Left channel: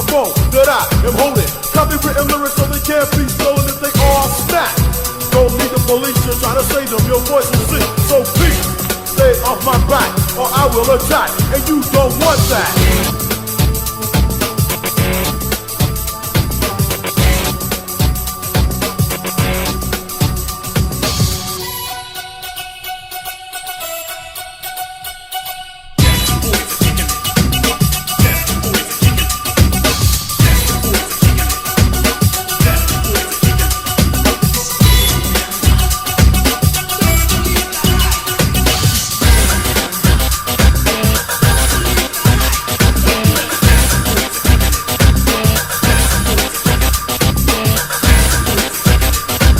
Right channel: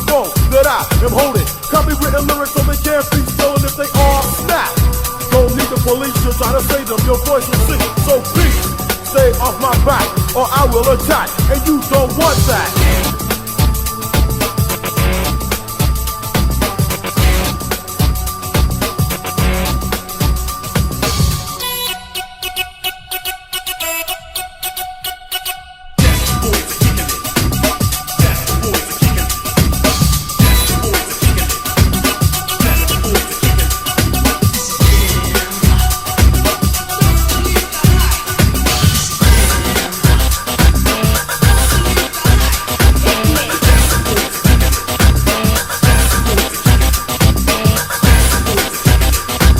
microphone that I am holding. Copywritten lyrics so they can't be stolen if they all snap. Don't need the police to try to say them, your voice will sing. So please, stay off my back or I will attack. And you don't